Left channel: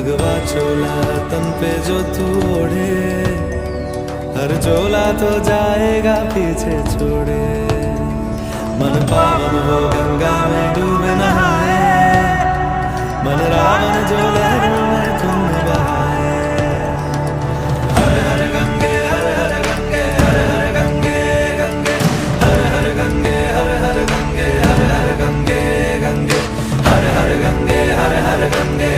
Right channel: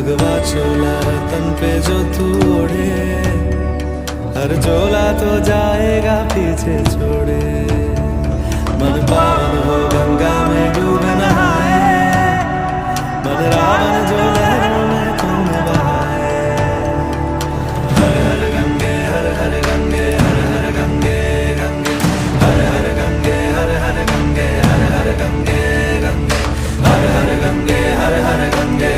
भगवा चोला तन पे जो तू ओढ़े, हर चोला तो जाएगा पीछे छोड़े। मन पावन हो गंगा में डूबे नहाए, मन रावण जो लहरों में तुमने बहाए। हर हर गंगे हर हर गंगे हर हर गंगे गंगे, हर हर गंगे हर हर गंगे हर हर गंगे गंगे, हर हर गंगे हर हर गंगे।